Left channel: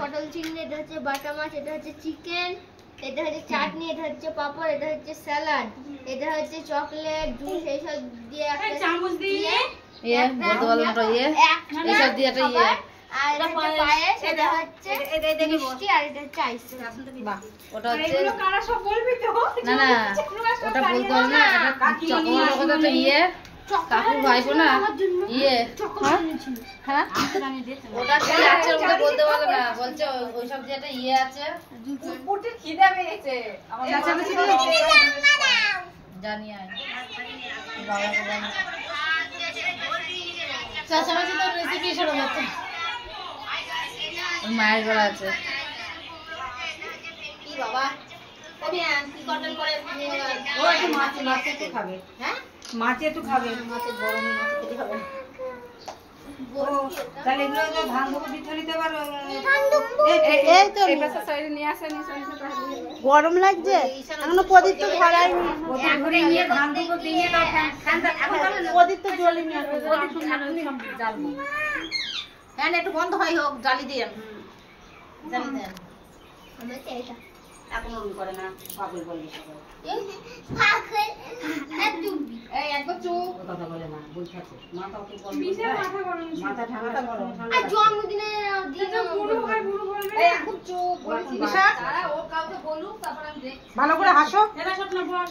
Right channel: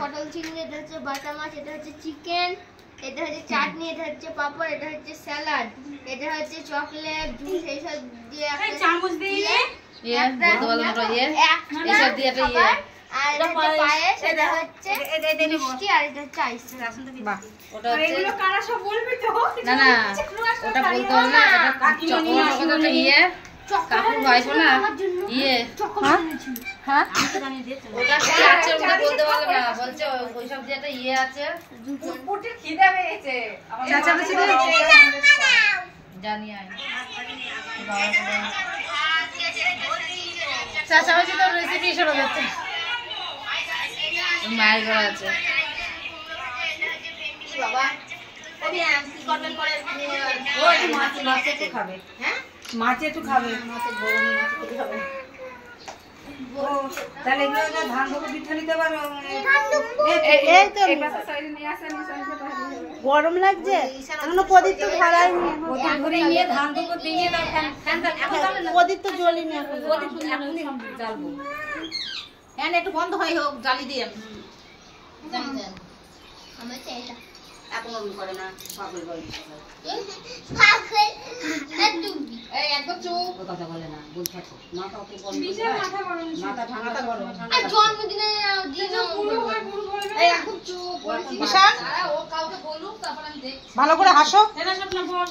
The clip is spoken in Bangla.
পটল চিংড়ি, এটা হচ্ছে বাটা মাছ, এটা হচ্ছে চিকেন, এটা হচ্ছে চাটনি, এটা হচ্ছে পাপড়, এটা হচ্ছে স্যালাড, এটা হচ্ছে চকলেট জুস, এইসব দিয়ে একটা চামচ দিয়ে আর এটা হচ্ছে পায়েস, এটা হচ্ছে মিষ্টি, আর এটা হচ্ছে আইসক্রিম। বাহ, ওটা হচ্ছে এগুলো কারা সব বলবি তো? না না, ওটা বলতে হবে না, চকলেট ইয়ে কাকুর ভাইপো না ইয়ে চকলেট এনেছিল। হ্যাঁ আমি দেখতে ওটা কি আছে ওটা বলতে পারবে না, বলছে ওই সব যে একটা ইয়ে আছে, পুটির খিদা পেয়েছে আমার চাচা তো ছিল জানি আয় বাবা চাচা বলছে তোর রেসিপি শোনা যাচ্ছে মায়ের বলা আছে কি বাবা কবি কি কটন করে ও এটা মাছ একটু খাবে। হ্যাঁ মাছ একটু খাবে, মাছের গরমে মাছ খেতে হবে। তাহলে এগুলো ধান দুটো দিতে নিতে পারো। এই তো এই পাশে সাইড নিয়ে আসেন গরম লাগছে এখনো প্রদীপ তো ধরাইনি, এখন করে নিয়ে ধান দুটো দিয়ে দাও। প্রদীপ তো জ্বলিনি, এখন প্রদীপ এখনই জ্বালবো। হ্যাঁ একটু বন্ধ হয় হোক, জ্বালি দিয়ে জ্বালি দেন। আমরা চাই এটা এখন রুম করে না পাগল বলবি সবাই পাগল এই একবার চুপ কথা বলে না বল থাকো মাথা অত বল মাথা ঠান্ডা করো আর জন্মদিনে দিন পুরো বলবে এই এখন চুপ বিশাল ও কাউকে বলুক তারপর আমি দেখ ভালো করে হাসো এরা সব না বস